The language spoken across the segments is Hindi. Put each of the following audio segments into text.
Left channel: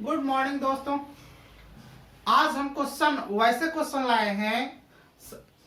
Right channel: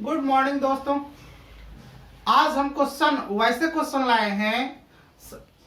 गुड मॉर्निंग दोस्तों। आज हम वैसे क्वेश्चन लाए हैं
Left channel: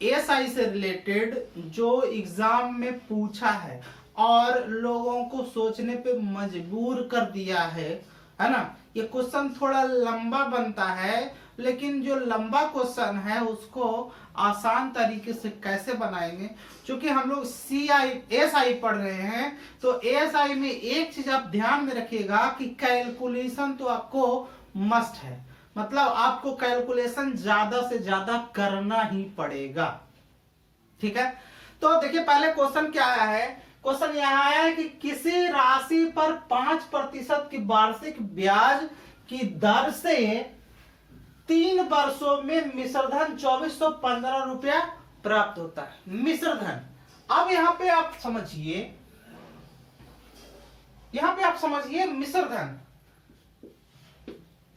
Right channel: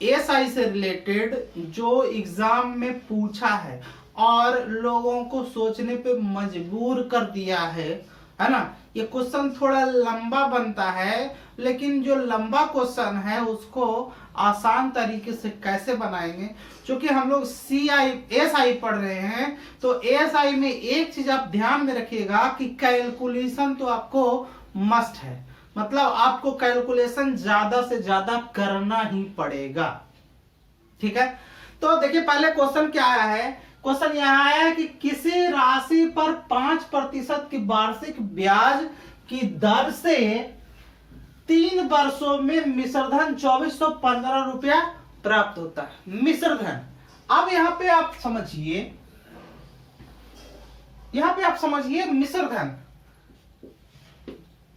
एएसआई से रिलेटेड जो एग्जाम में पूछा है और लोगों को सोचने पे मजबूर कर दिया है ना। ये क्वेश्चन थोड़ा लंबा बनता है, लेकिन जो लंबा क्वेश्चन है उसको आसान तरीके से कैसे बनाएंगे, क्योंकि हम लोग एएसआई पढ़ रहे हैं। तो एएसआई में एक चीज आप ध्यान में रखिएगा कि कैलकुलेशन तो आपको मस्ट है, मतलब आपको कैलकुलेशन ज्यादा से ज्यादा करना ही पड़ेगा। ठीक है, तो देखिए पहले क्वेश्चन क्या आया है। क्वेश्चन यहाँ आया है कि किसी राशि पर 5% की वार्षिक ब्याज की दर से 3 वर्षों में मिश्रधन 2415 रुपया प्राप्त होता है। मिश्रधन, अब यहाँ पे आप समझिए मिश्रधन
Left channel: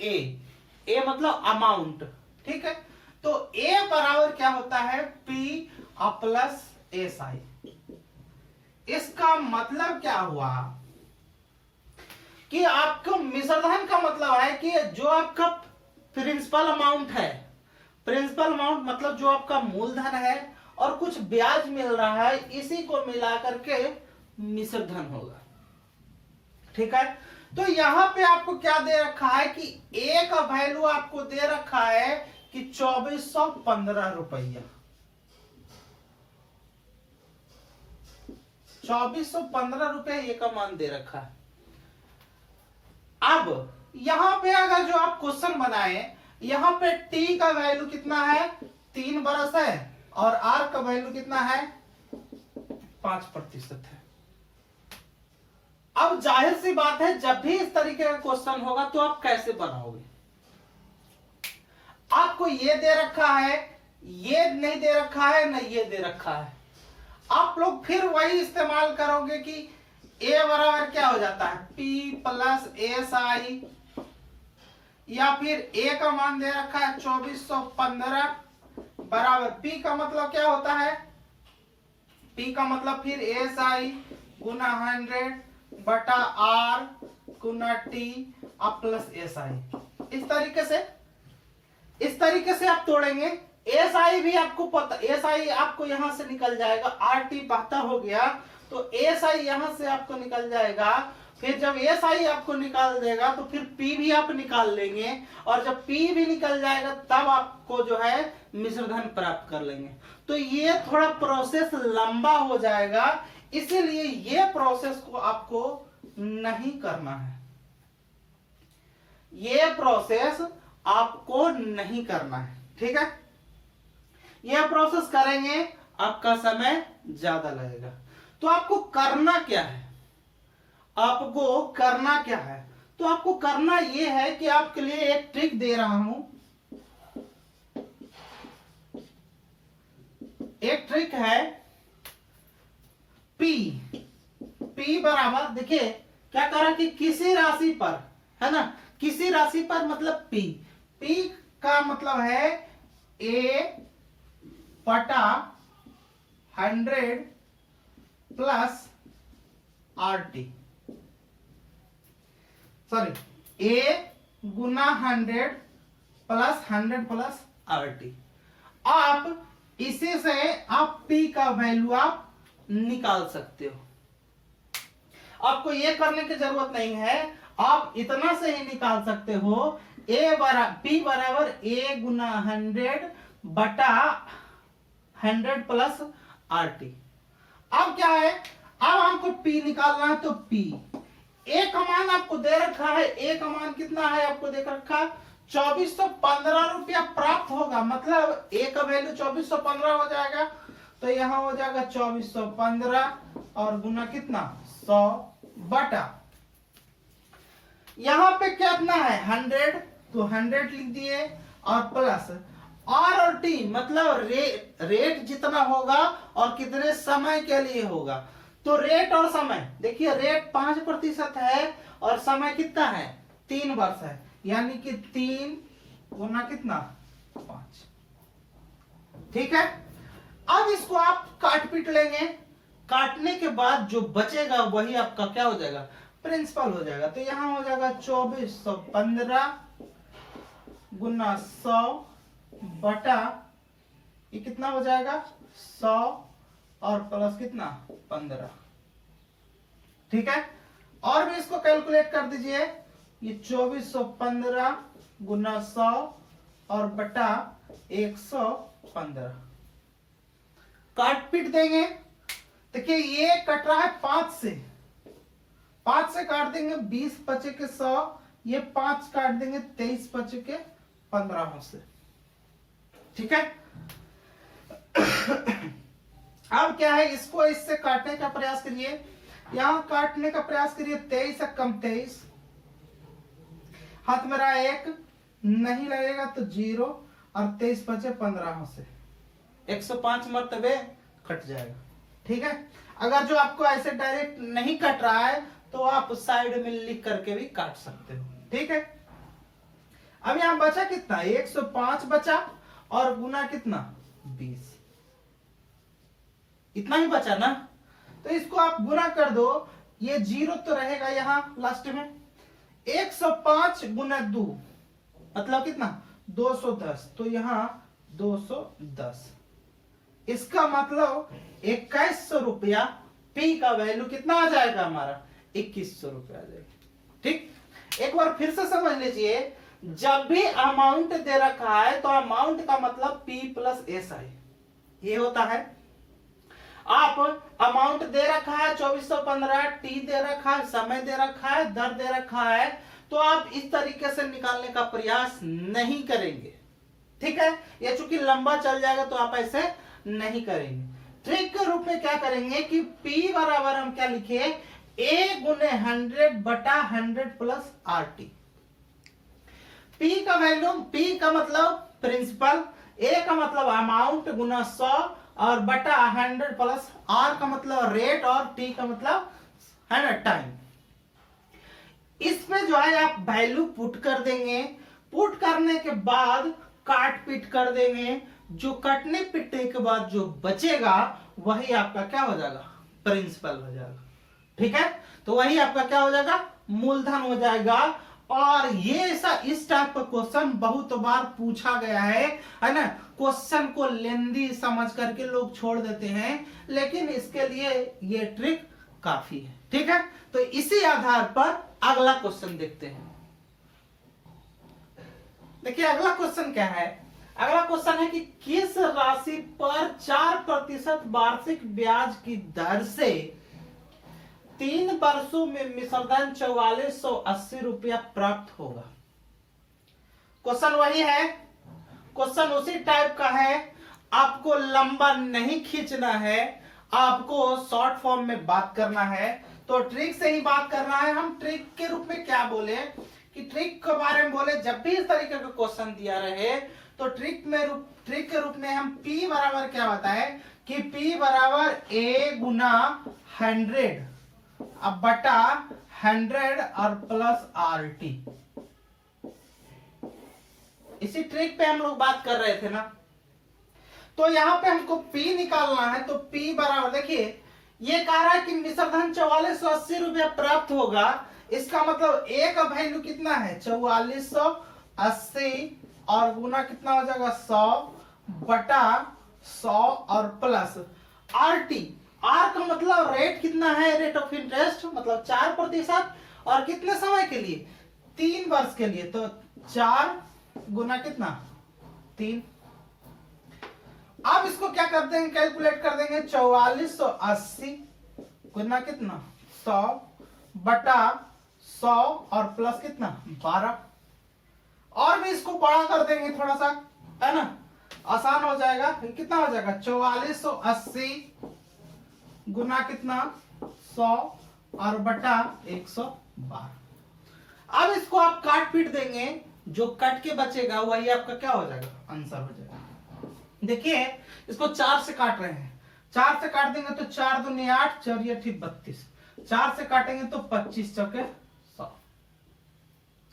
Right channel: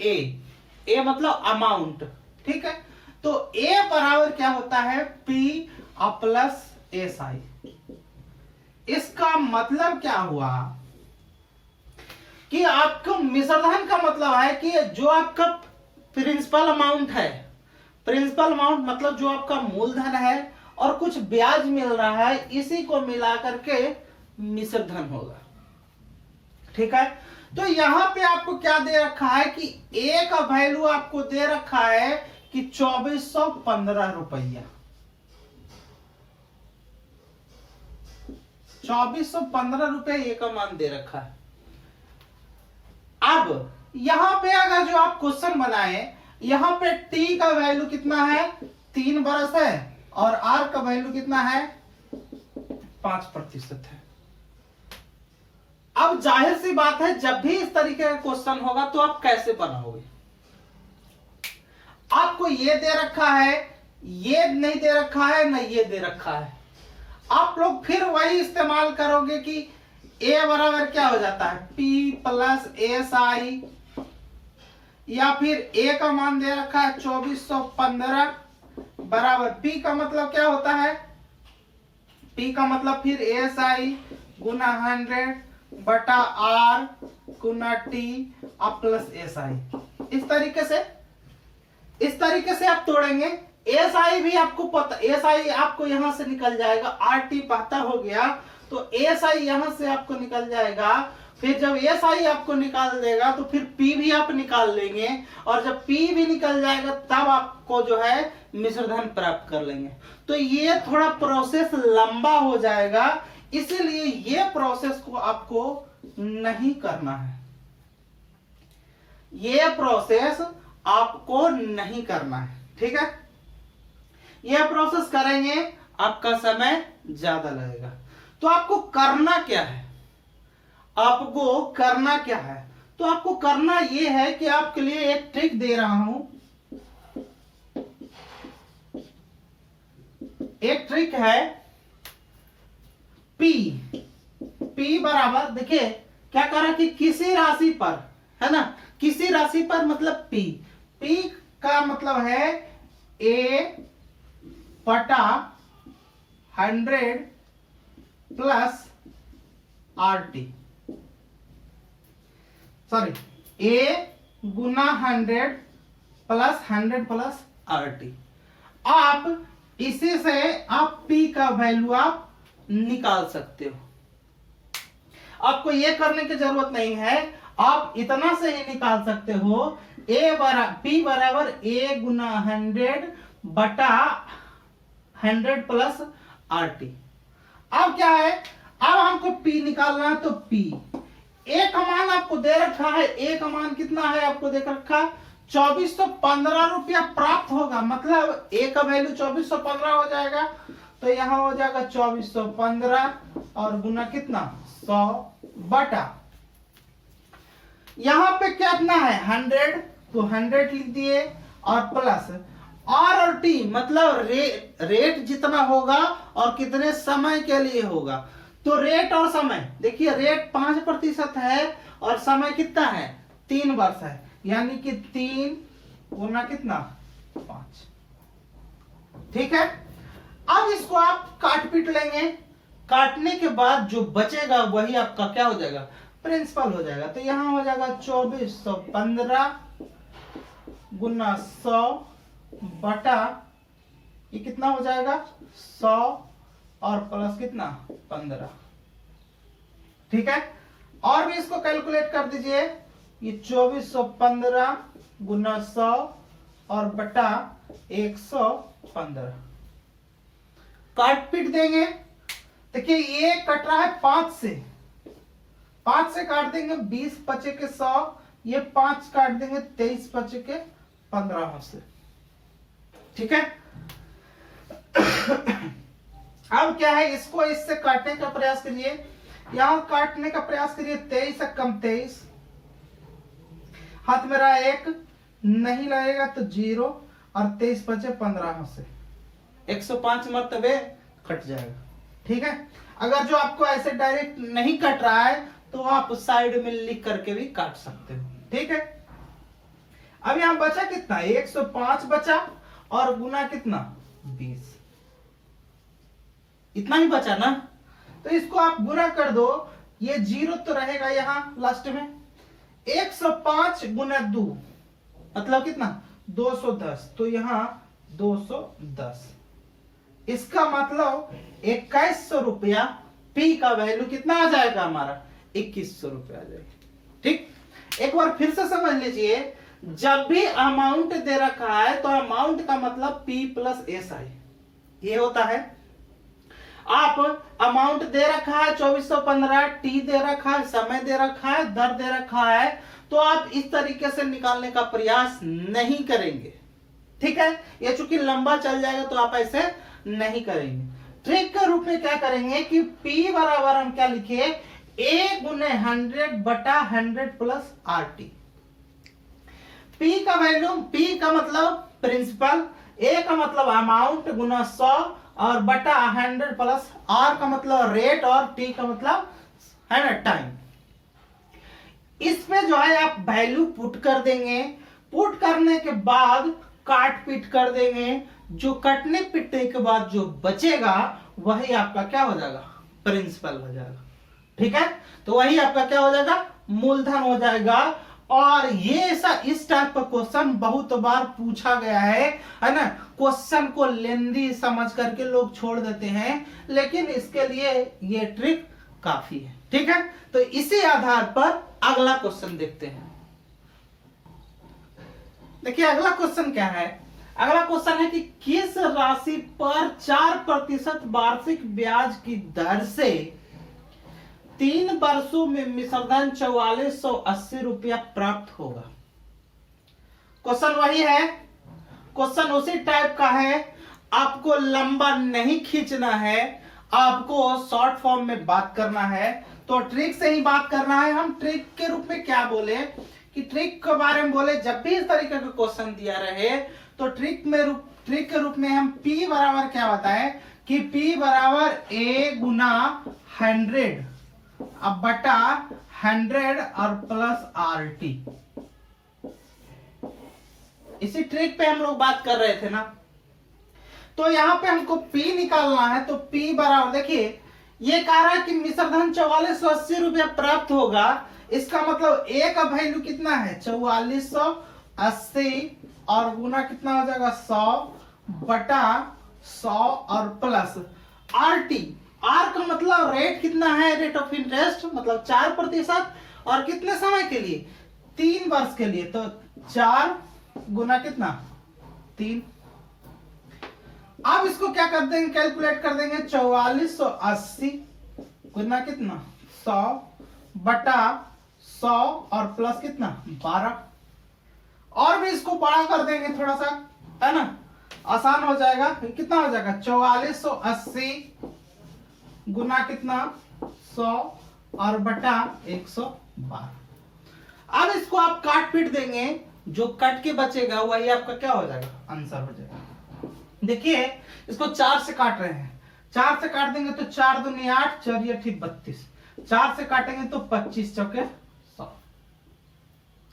ए मतलब अमाउंट। ठीक है, तो ए बराबर क्या होता है, पी प्लस एस आई। इसका मतलब क्या हुआ कि आपको मिश्रधन का मतलब है कि जो आपका प्रिंसिपल अमाउंट है, प्रिंसिपल अमाउंट मतलब जो आपका मूलधन है और कुछ ब्याज मिल रहा है, इसी को मिला करके मिश्रधन होगा। ठीक है, तो यहां पे आपको क्या दे रखा है कि ए का वैल्यू आपको दे रखा है कि 2415 रुपया। 2415 रुपए ए का मान दे रखा है। अब यहां पे अगर जो आप क्वेश्चन बनाए, यहां पे टी का वैल्यू कितना है, 3 बरस है, और आर का वैल्यू कितना है, 5% है। अब जाहिर सी बात है, जब भी इस तरीके का क्वेश्चन होगा तो आप कैसे बनाओगे। आपको ये दे रखा है, ये नहीं दे रखा है, ना ये दे रखा है। आप लोग फिर वही इस्तेमाल करोगे कि ए बराबर क्या हो जाता है, पी प्लस एस आई, या फिर ए का मान दे रखा है 2415 बराबर पी का मतलब क्या होता है, पी का मतलब फिर एस आई गुना 100 बटा आर गुना टी प्लस एस आई। इस तरीके से आप तोड़ेंगे। एस आई भी आपको पता, एस आई आपको यहां से निकल जाएगा, आर टी 72 हो गया, तो एस आई यहां से आपको निकल जाएगा। फिर जब एस आई आपको निकाल देगा तो फिर पी भी आप निकाल लेंगे, और जब पी भी निकल जाएगा तब आपको जो है मिश्रधन प्राप्त कर लेंगे। तो ये थोड़ा प्रोसेस लंबा हो जाएगा, इसीलिए ये प्रोसेस को आपको नहीं करना है। ये प्रोसेस आपको नहीं करना है। ठीक है, यह प्रोसेस करेंगे आपका समय ज्यादा लगेगा। तो आपको करना क्या है, तो आपको करना यह है कि आपके लिए एक ट्रिक दे रहा हूं। एक ट्रिक है, P बराबर, देखिए क्या करा कि किसी राशि पर, है ना, किसी राशि पर मतलब P का मतलब है A बटा 100 plus RT, sorry A Guna 100 plus RT। आप इसी से आप P का वैल्यू आप निकाल सकते हो। आपको ये करने की जरूरत नहीं है, आप इतना से ही निकाल सकते हो। P बराबर A गुना 100 बटा 100 प्लस RT। अब क्या है, अब हमको P निकालना है, तो P A का मान आपको दे रखा है, A का मान कितना है आपको दे रखा, 2415 रुपया प्राप्त होगा, मतलब A का वैल्यू 2415 हो जाएगा। तो यहां हो जाएगा 2415 और गुना कितना 100 बटा, यहां पे कितना है 100, तो 100 लिख दिए, और प्लस आर और टी मतलब रेट जितना होगा और कितने समय के लिए होगा। तो रेट और समय, देखिए रेट 5% है और समय कितना है 3 वर्ष है, यानी कि 3 गुना कितना 5। ठीक है, अब इसको आप काट पीट लेंगे, काटने के बाद जो बचेगा वही आपका क्या हो जाएगा प्रिंसिपल हो जाएगा। तो यहाँ हो जाएगा 2415 गुना 100 बटा ये कितना हो जाएगा 100 और प्लस कितना 15। ठीक है, और भी इसको कैलकुलेट कर दीजिए। ये 2415 गुना 100 और बटा 115 काट पीट देंगे। देखिए ये कट रहा है 5 से काट देंगे 20 बचे के 100, ये 5 काट देंगे 23 बचे के 15 से। ठीक है, अब क्या है, इसको इससे काटने का प्रयास करिए, यहां काटने का प्रयास करिए। 23 से कम 23, हाथ मेरा 1 नहीं लगेगा तो 0 और 23 बचे 15 से 105 मरतबे कट जाएगा। ठीक है, अगर जो आपको ऐसे डायरेक्ट नहीं कट रहा है तो आप साइड में लिख करके भी काट सकते हो। ठीक है, अब यहां बचा कितना 105 बचा और गुना कितना 20, इतना ही बचा ना। तो इसको आप गुना कर दो, ये 0 तो रहेगा यहां लास्ट में। 105 गुना 2 मतलब कितना 210, तो यहां 210। इसका मतलब 2100 रुपया पी का वैल्यू कितना आ जाएगा हमारा 2100 रुपया आ जाएगा। ठीक, एक बार फिर से समझ लीजिए, जब भी अमाउंट दे रखा है तो अमाउंट का मतलब पी प्लस एस आई ये होता है। आप अमाउंट दे रखा है 2415, टी दे रखा है, समय दे रखा है, दर दे रखा है, तो आप इस तरीके से निकालने का प्रयास नहीं करेंगे। ठीक है, ये चूंकि लंबा चल जाएगा तो आप ऐसे नहीं करेंगे। ट्रिक के रूप में क्या करेंगे कि P बराबर हम क्या लिखे, A गुने 100 बटा 100 प्लस RT। P का वैल्यू, P का मतलब प्रिंसिपल, A का मतलब अमाउंट गुना 100 और बटा 100 प्लस R का मतलब रेट और T का मतलब है ना टाइम। इस पे जो है आप वैल्यू पुट कर देंगे। पुट करने के बाद काट पीट कर देंगे। जो कटने पिटने के बाद जो बचेगा वही आपका क्या हो जाएगा प्रिंसिपल हो जाएगा। ठीक है, तो वही आपका क्या हो जाएगा मूलधन हो जाएगा। और ये ऐसा इस टाइप का क्वेश्चन बहुत बार पूछा गया है ना। क्वेश्चन को लेंदी समझ करके लोग छोड़ देते हैं, लेकिन इसके लिए ये ट्रिक काफी है। ठीक है, तो इसी आधार पर अगला क्वेश्चन देखते हैं। देखिए अगला क्वेश्चन क्या है, अगला क्वेश्चन है कि किस राशि पर 4% वार्षिक ब्याज की दर से 3 वर्षों में मिश्रधन 4480 रुपया प्राप्त होगा। क्वेश्चन वही है, क्वेश्चन उसी टाइप का है। आपको लंबा नहीं खींचना है, आपको शॉर्ट फॉर्म में बात करना है। तो ट्रिक से ही बात करना है। हम ट्रिक के रूप में क्या बोले कि ट्रिक के बारे में बोले, जब भी इस तरीके का क्वेश्चन दिया रहे तो ट्रिक के रूप में हम P बराबर क्या बताए कि P बराबर A गुना 100 अब बटा 100 और प्लस RT। इसी ट्रिक पे हम लोग बात कर रहे थे ना। तो यहां पे हमको P निकालना है, तो P बराबर देखिए ये कह रहा है कि मिश्रधन 4480 रुपया प्राप्त होगा। इसका मतलब A का वैल्यू कितना है 4480 और गुना कितना हो जाएगा 100 बटा 100 और प्लस RT। R का मतलब रेट कितना है, रेट ऑफ इंटरेस्ट मतलब 4% और कितने समय के लिए 3 वर्ष के लिए। तो 4 गुना कितना 3। अब इसको क्या कर देंगे कैलकुलेट कर देंगे 4480 गुना कितना 100 बटा 100 और प्लस कितना 12। और भी इसको बड़ा कर देंगे थोड़ा सा, है ना, आसान हो जाएगा। कितना हो जाएगा 4480 गुना कितना 100 और बटा 112। अब इसको आप काट पीट देंगे, जो कट के बचेगा वही आपका क्या हो जाएगा आंसर हो जाएगा। देखिए इसको 4 से काट रहे हैं, 4 से काट देंगे तो 4 दूनी 8, 4 या ठीक 32, 4 से काटेंगे तो 25 चौके 100।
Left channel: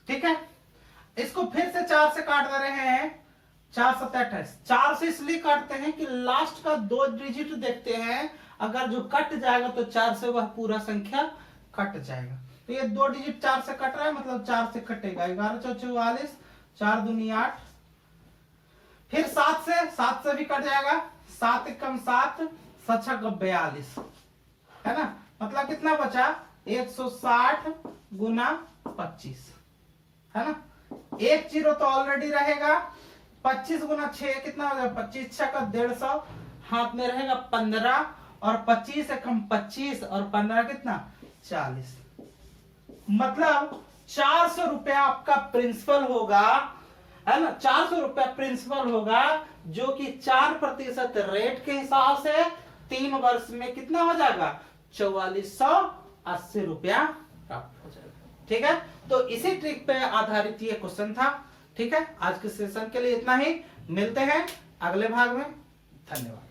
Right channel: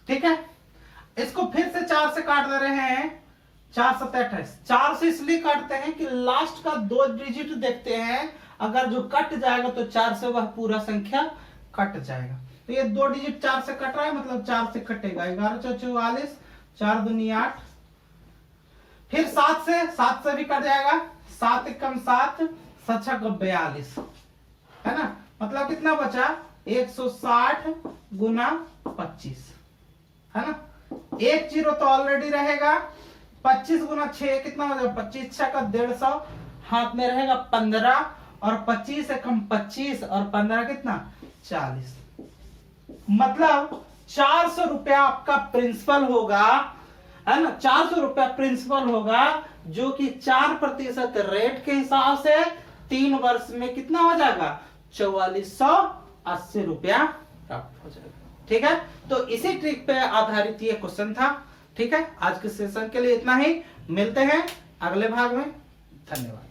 ठीक है, इसको फिर से 4 से काट दे रहे हैं, 4 7 28। 4 से इसलिए काटते हैं कि लास्ट का 2 डिजिट देखते हैं, अगर जो कट जाएगा तो 4 से वह पूरा संख्या कट जाएगा। तो ये 2 डिजिट 4 से कट रहा है, मतलब 4 से कटेगा। 11 चौ 44, 4 दूनी 8, फिर 7 से भी कट जाएगा। 7 एकम 7, 7 छक 42, है ना। मतलब कितना बचा 160 गुना 25, है ना। 1 जीरो तो ऑलरेडी रहेगा। 25 गुना 6 कितना हो जाएगा 25 छक 150, हाथ में रहेगा 15 और 25 एकम 25 और 15 कितना 40। मतलब 400 रुपया आपका प्रिंसिपल होगा, है ना। 400 रुपया प्रिंसिपल होगा, जो कि 4% रेट के हिसाब से 3 वर्ष में कितना हो जाएगा 4480 रुपया प्राप्त हो जाएगा। ठीक है, तो इसी ट्रिक पे आधारित ये क्वेश्चन था। ठीक है, आज के सेशन के लिए इतना ही। मिलते हैं अगले भाग में। धन्यवाद।